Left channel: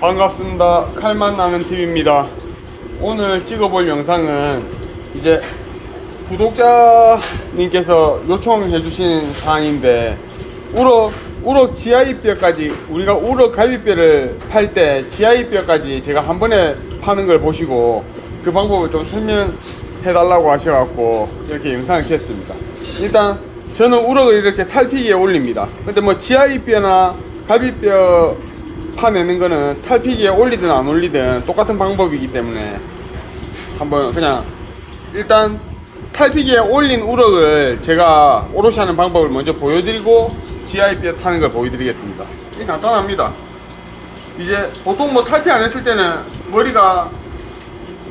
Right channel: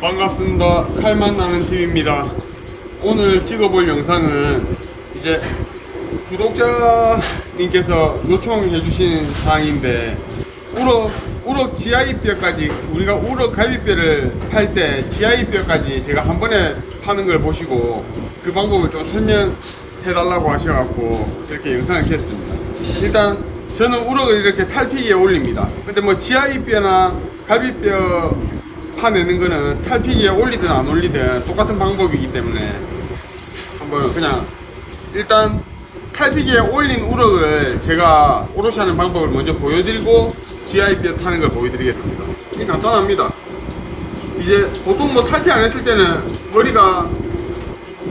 반갑습니다. 칼만 나는 TV입니다. 오늘 찍어볼 영상은 이제 구독자님께서 요청해 주신 사항인데 우럭 우럭 GI뼈까지 우리가 우럭 갈비뼈를 팔때 GI뼈까지 제가 한 번에 파는 걸 보시고 그 방법을 좀 설명해 달라고 하셔갖고 이렇게 영상을 찍었습니다. 일단 저는 우럭을 이렇게 탈피기에 올립니다. 근데 뭐 GI뼈나 갈비뼈 파내는 거는 탈피기에 올리든 안 올리든 똑같은 방법이기 때문에 한번 그냥 일단 탈피기에 올린 우럭을 제가 오롯이 하는 방법을 먼저 보여드리고 GI뼈 타는 걸 보여드리겠습니다. 이 간단합니다. 이제 보통 뭐 탈피 안 했을 때는 머리가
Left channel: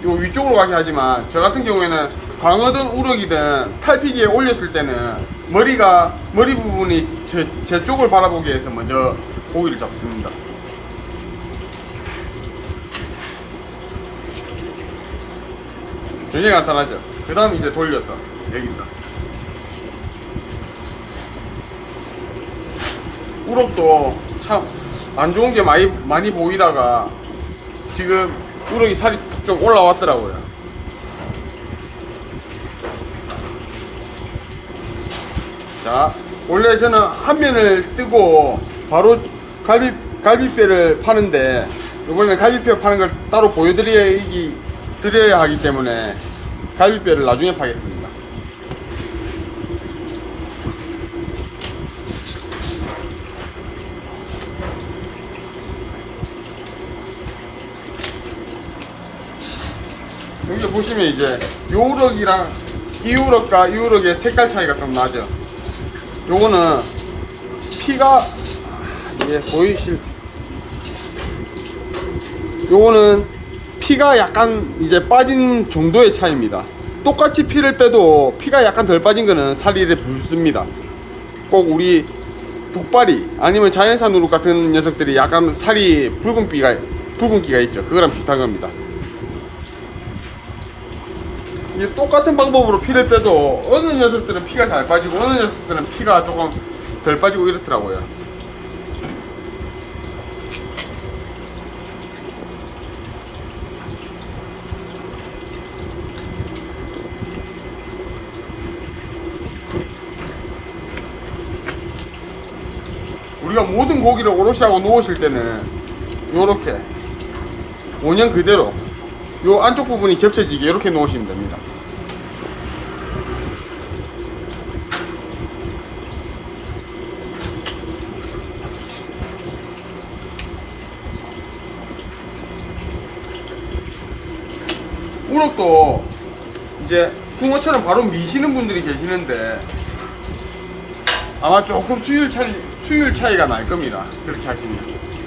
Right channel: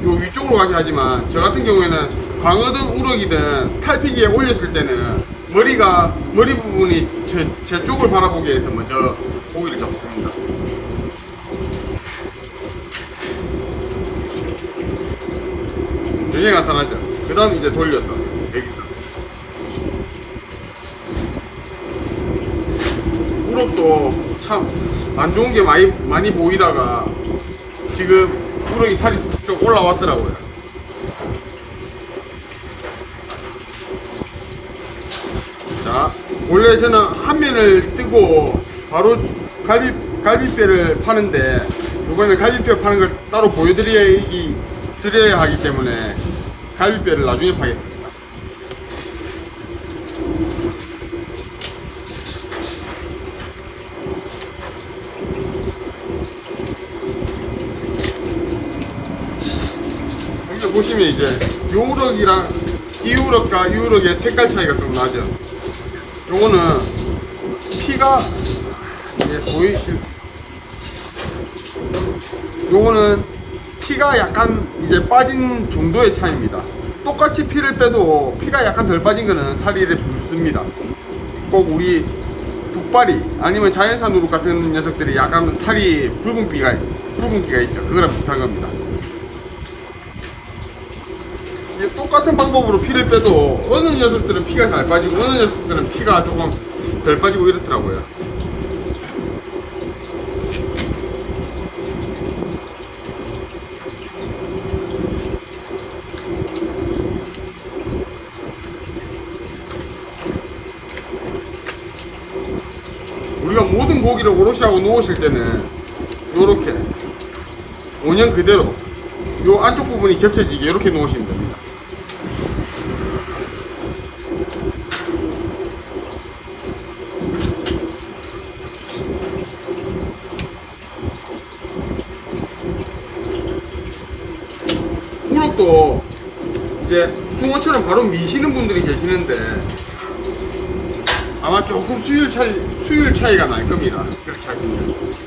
요 위쪽으로 가게 하지만 저 같은 경우에는 광어든 우럭이든 탈피기에 올렸을 때는 머리가 머리 부분이 제, 제 쪽을 바라보게 해서 먼저 고기를 잡습니다. 굉장히 간단하죠. 그 다음 이제 돌려서 여기서 우럭도 참 안 좋은 게 많이 많이 보이다가 지금 우럭이 살이 좀 올라왔더라고요. 자, 원래 저는 한 면을 뜨고 바로 갈비 갈비뼈를 파는데 이번에 갈비뼈 파는 걸 따로 보여드려야 드려야 하기 때문에 갈비뼈를 나중에 파겠습니다. 여기 보시면 이제 요 우럭이랑 이 우럭과 이 우럭의 색깔 차이가 좀 나죠. 요거는 피가 이제 보이실 요거는 피가 약간 이제 빠진 정도의 차이입니다. 똑같이 피를 빼도 피가 약간 덜 빠진 거는 살이 이렇게 붉습니다. 꼭 우리 북발이 아니면 자연산 우럭 같은 녀석들이 약간 살이 붉은기가 붉은기가 있죠. 그거랑 비슷한 겁니다. 이제 똑같은 방법으로 피를 빼도 어느 녀석들은 피가 잘 빠지고 어느 녀석들은 피가 조금 덜 빠지고 이렇더라고요. 우리가 모든 고기를 오롯이 하고 놓으실 때는 요렇게 원형 그대로 요 안쪽 부분이 겹쳐지게 이렇게 놓으시면 됩니다. 우럭도 이제 숭어처럼 바로 미시는 분들이 계시는데 아마 조금 수율 차이 수율 차이가 날 겁니다. 그렇게 하시면.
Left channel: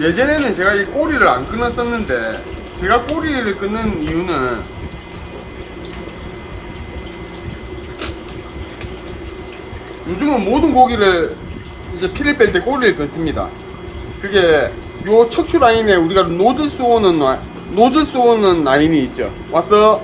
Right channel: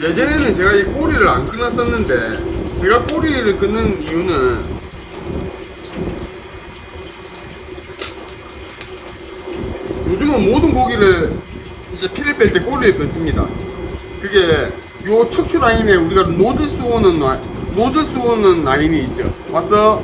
예전에는 제가 이 꼬리를 안 끊었었는데 제가 꼬리를 끊는 이유는 요즘은 모든 고기를 이제 피를 뺄 때 꼬리를 끊습니다. 그게 요 척추 라인에 우리가 노즐 쏘는 라- 노즐 쏘는 라인이 있죠. 와서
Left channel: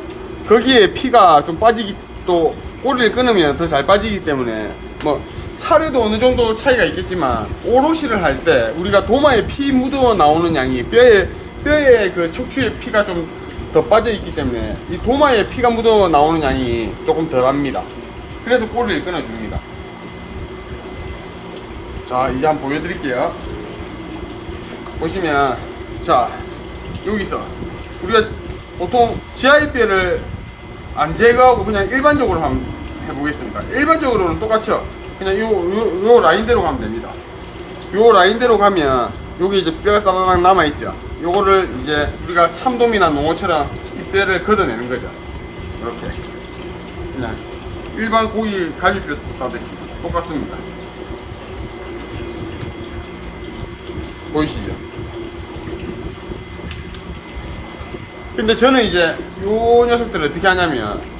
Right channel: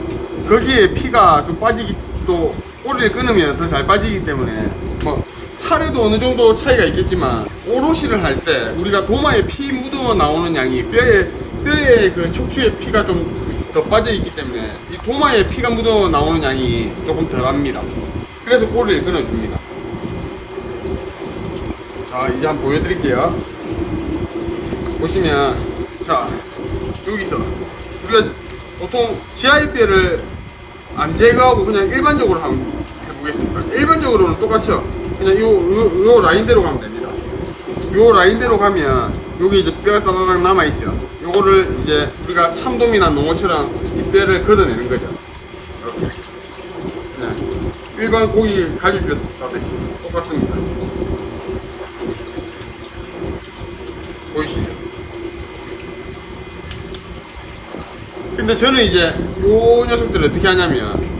거기에 피가 좀 빠지기 또 꼬리를 끊으면 더 잘 빠지기 때문에 뭐 살에도 어느 정도 차이가 있겠지만 오롯이를 할 때 우리가 도마에 피 묻어 나오는 양이 뼈에 뼈에 그 척추에 피가 좀 더 빠져 있기 때문에 이 도마에 피가 묻어 나오는 양이 조금 덜합니다. 그래서 꼬리를 끊어줍니다. 자 이제 한번 보여드릴게요. 보시면 자 여기서 우리가 보통 GI뼈를 안 제거하고 그냥 일반적으로 한번 해보겠습니다. 일반적으로는 똑같죠. 그냥 요, 요, 요 라인대로 가면 됩니다. 요 라인대로 가면 여기 이제 뼈가 짜라락 남아있죠. 요거를 이제 우리가 참돔이나 농어처럼 이 뼈를 걷어내는 거죠. 이렇게. 그냥 일반 고기 갈비뼈 따듯이 똑같습니다. 보이시죠? 근데 저는 이제 요 녀석들을 어떻게 하냐면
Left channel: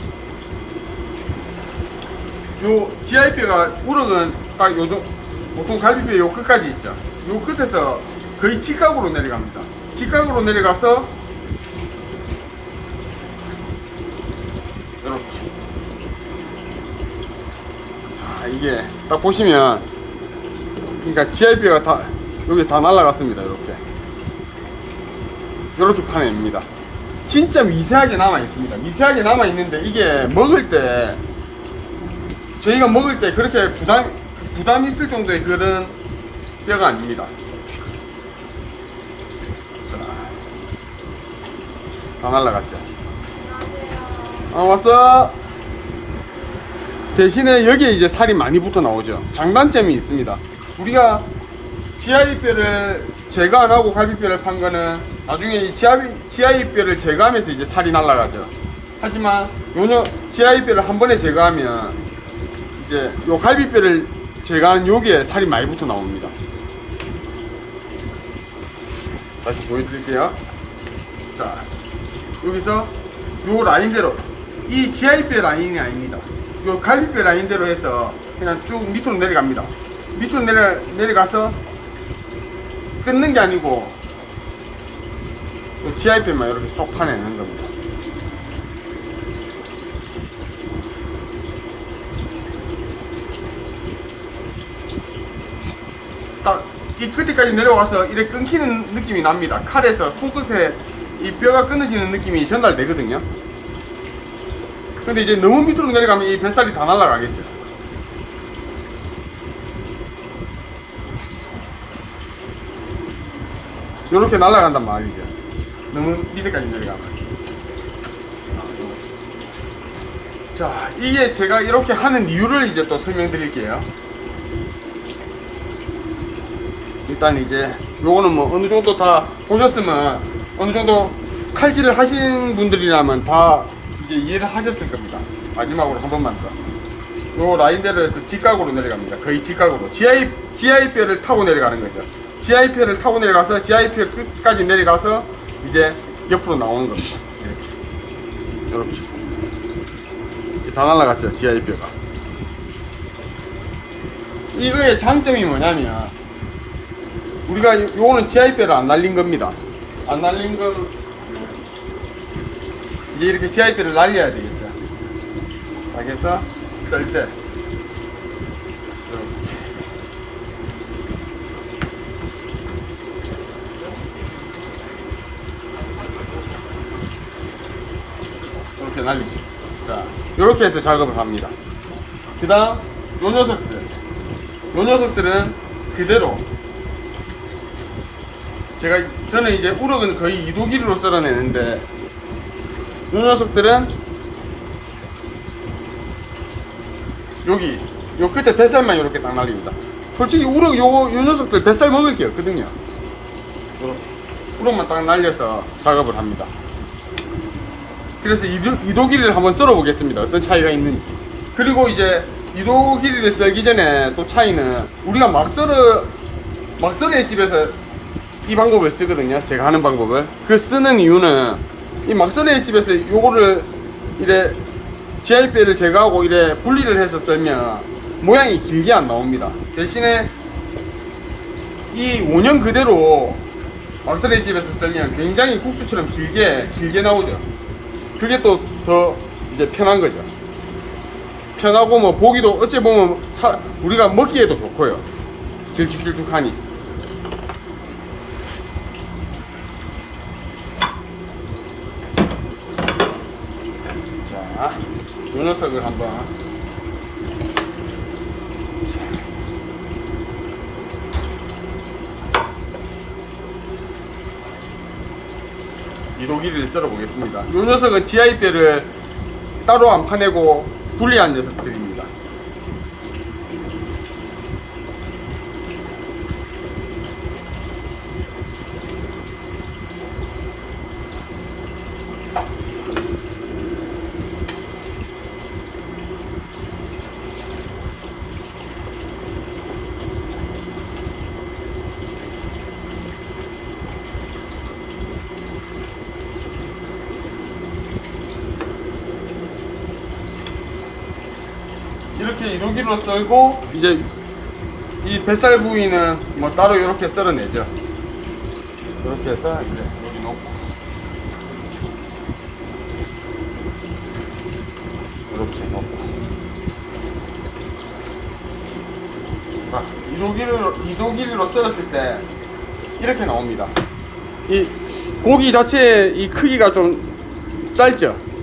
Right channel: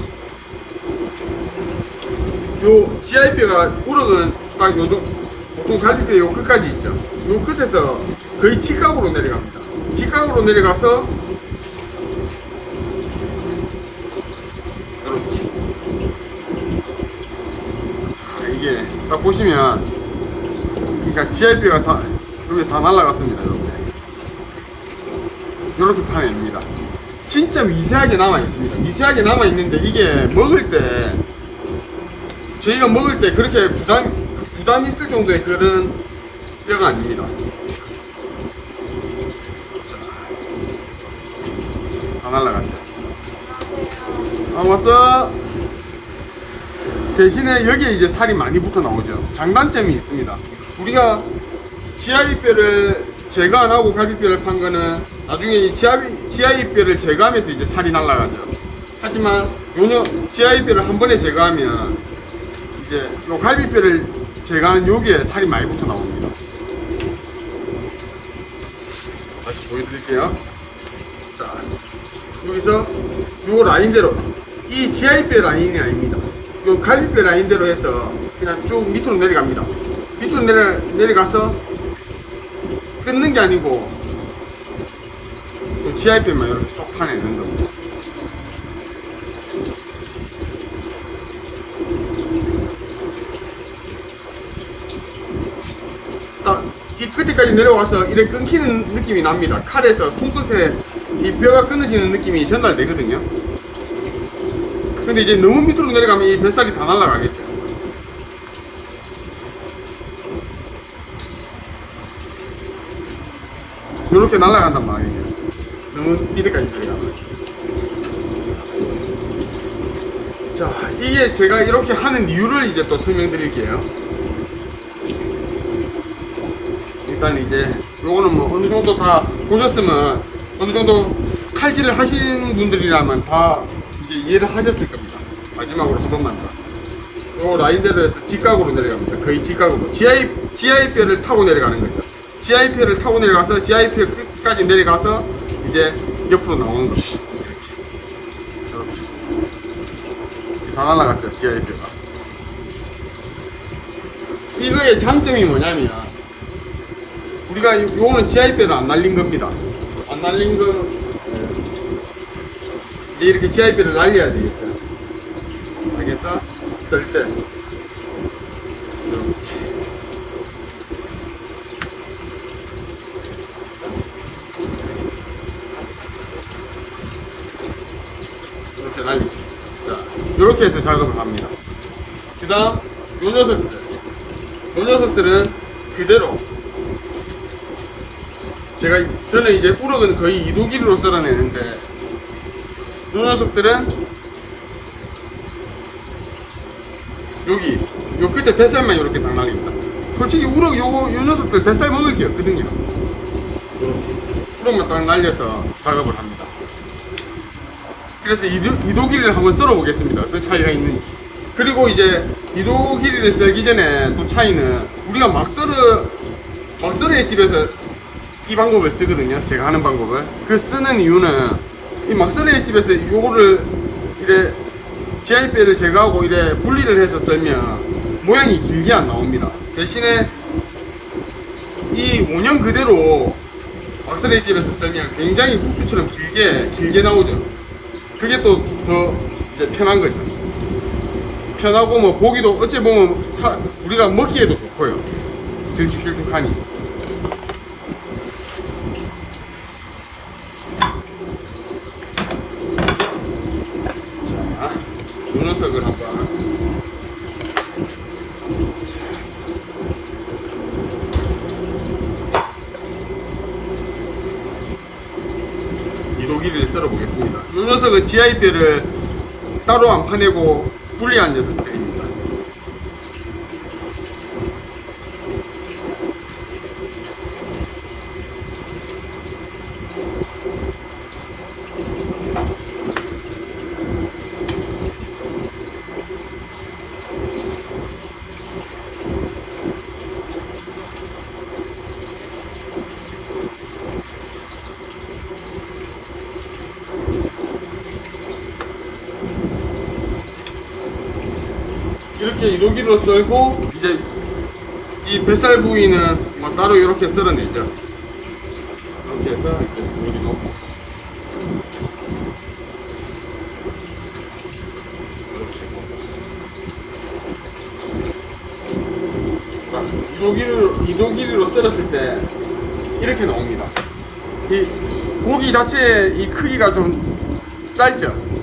요 GI뼈가 우럭은 딱 요도 보통 갈비뼈 요 끝까지 있죠. 요 끝에서 거의 직각으로 내려갑니다. 직각으로 내려가서 이렇게 아, 이게 딱 보시면 그러니까 GI뼈가 다 여기 다 날라갔습니다. 이렇게 이렇게 파냅니다. 진짜 미세하게 남아 있습니다. 미세하게 남아 있는데 이게 먹을 때 저희가 먹을 때 그렇게 부담 부담 있을 정도의 그런 뼈가 아닙니다. 다 날라갔죠. 어, 왔어. 대신에 여기에 이제 살이 많이 붙어 나오죠. 장단점이 있습니다. 우리가 GI뼈를 제거 안 하고 갈비뼈를 판 거는 나중에 이 GI뼈를 제거하면서 이제 살이 날라가죠. 하지만 요는 GI뼈를 한 번에 제거하면 이제 요 갈비뼈를 제거한 여기에 살이 많이 붙어 나옵니다. 다시 보여드릴게요. 자, 여기서 요 라인대로 이 GI뼈 라인이 아닙니다. 요 갈비뼈 라인대로 해서 그냥 쭉 밑으로 내려갑니다. 밑으로 내려 내려가서 끊는 게 아니고 요 GI뼈만 이렇게 쏙 파내는 겁니다. 딱 이 끝에까지 내려와서 이렇게 끊기는 느낌이 납니다. 칼에서 손끝에 이 뼈가 끊어지는 느낌이 전달되거든요. 근데 이제 너무 밑으로 내려가면 이 뱃살이 다 날아가겠죠. 이렇게 날아간단 말이죠. 너무 밑에까지 내려가면. 자, 이게 제가 이렇게 하는 이유를 이제 또 설명드릴게요. 일단 이제 요거는 뭐 어느 정도 다 보셨으면 어느 정도 칼질을 하신 분들이라면 다 이제 이해를 하셨을 겁니다. 마지막으로 한 번만 더. 요 라인대로 해서 직각으로 내려갑니다. 거의 직각으로. GI, GI뼈를 타고 내려가는 거죠. GI뼈를 타고 내려가서 GI뼈 끝까지 내려가서 이제 옆으로 나오는 거죠. 이렇게. 이렇게. 다 날라갔죠, GI뼈가. 이거의 장점이 뭐냐면 우리가 요- 요거는 GI뼈도 안 날린 겁니다. 안 날린 거 예. 이제 이렇게 GI뼈를 날려야 되겠죠. 당해서 쓸 때. 이렇게 날리죠. 자, 이렇게 해서 작업을 합니다. 그 다음, 요 녀석들. 요 녀석들은 그대로 제가 저는 이제 우럭은 거의 이도기로 썰어내는데 이 녀석들은 여기 요 끝에 뱃살만 이렇게 딱 날립니다. 솔직히 우럭 요, 요 녀석들 뱃살 먹을 게 없거든요. 이렇게 우럭만 딱 날려서 작업을 합니다. 그래서 이도, 이도기를 한번 썰어 보겠습니다. 어떤 차이가 있는지. 그리고 이제 이도기를 썰기 전에 또 차이는 우리가 막 썰어 막 썰어의 집에서 이 방법을 쓰거든요. 제가 하는 방법을. 그 쓰는 이유는 이 막설의 집에서 요거를 이래 GI뼈를 제거하고 이래 분리를 해서 썰면 모양이 길게 안 나옵니다. 대신에 이 원형 그대로 막설의 집에서 썰면 굉장히 국수처럼 길게 길게 나오죠. 그게 또 더 이제 편한 거죠. 편하고 뭐 보기도 어찌 보면 사- 우리가 먹기에도 좋고요. 길쭉길쭉하니. 자, 요 녀석을 한번. 자. 이도기를 썰어 보겠습니다. 요 녀석은 GI뼈를 따로 안 파내고 분리한 녀석들입니다. 이렇게 1호기로 썰고 이제 이 뱃살 부위는 뭐 따로 이렇게 썰어내죠. 이렇게 해서 이제 여기 놓고 이렇게 놓고 아, 2도 길이로 2도 길이로 썰었을 때 이렇게 나옵니다. 이 고기 자체의 이 크기가 좀 짧죠.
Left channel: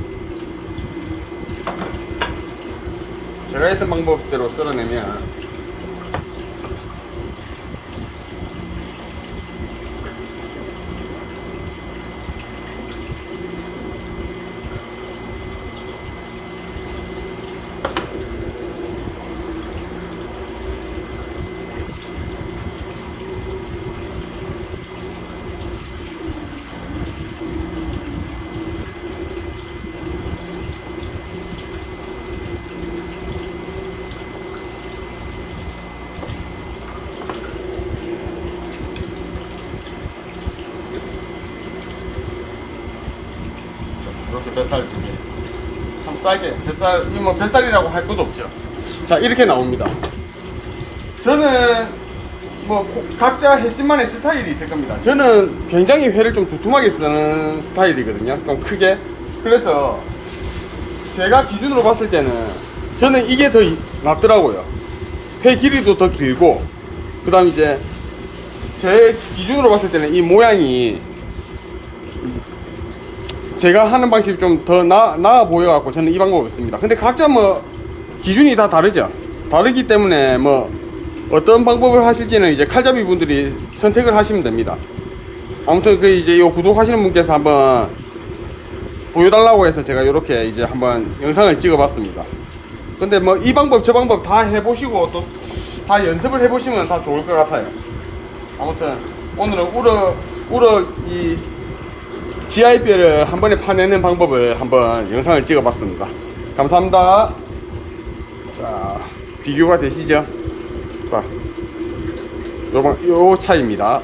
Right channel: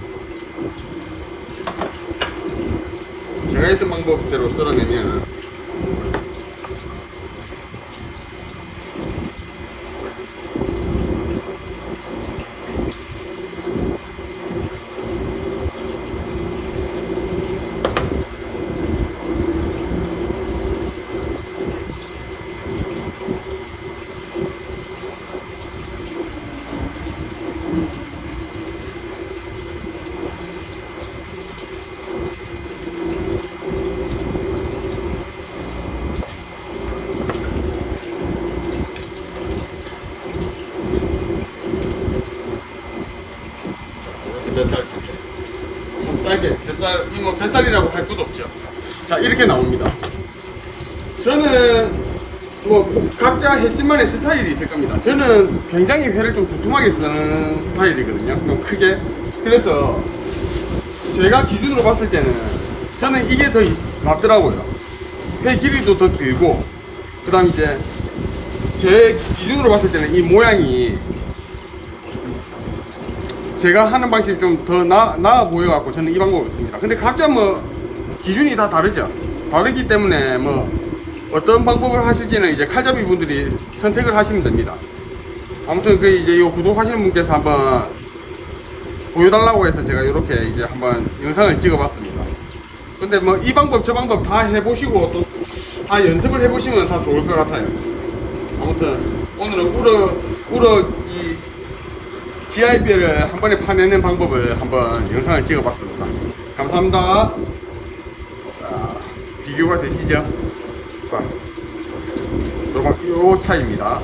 제가 했던 방법대로 썰어내면 참 짧게 뱃살 이거 뭐 뱃살이라고 할 것도 없죠. 자 이렇게 나옵니다. 저는 뭐 각자 해집만의 스타일이 있을 겁니다. 저는 굉장히 회를 좀 두툼하게 쓰는 스타일이거든요. 좀 크게. 그래서 제가 기준으로 봤을 때는 저는 이게 더 이- 낫더라고요. 회 길이도 더 길고 그 다음 이제 제 기준으로 봤을 때는 이 모양이 제가 하는 방식이 좀 더 나아 보여갖고 저는 이 방법을 씁니다. 근데 각자 뭐 기준이 다 다르죠. 다르기 때문에 뭐 어떤 방법을 하실지는 이제 칼잡이 분들이 선택을 하시면 됩니다. 아무튼 그 이제 요 구독하시는 분께서 한번 보여달라고 해서 제가 이렇게 이제 한번 영상을 찍어봤습니다. 근데 뭐 이 방법 저 방법 다 해보시고 또 다 연습을 해보시면 다 좋을 것 같아요. 아무튼 오늘은 우럭 우럭 이 GIB를 한 번에 파내는 방법을 한번 영상을 찍어봤습니다. 감사합니다. 자, 비교가 되시죠? 봐. 요거 요 차이입니다.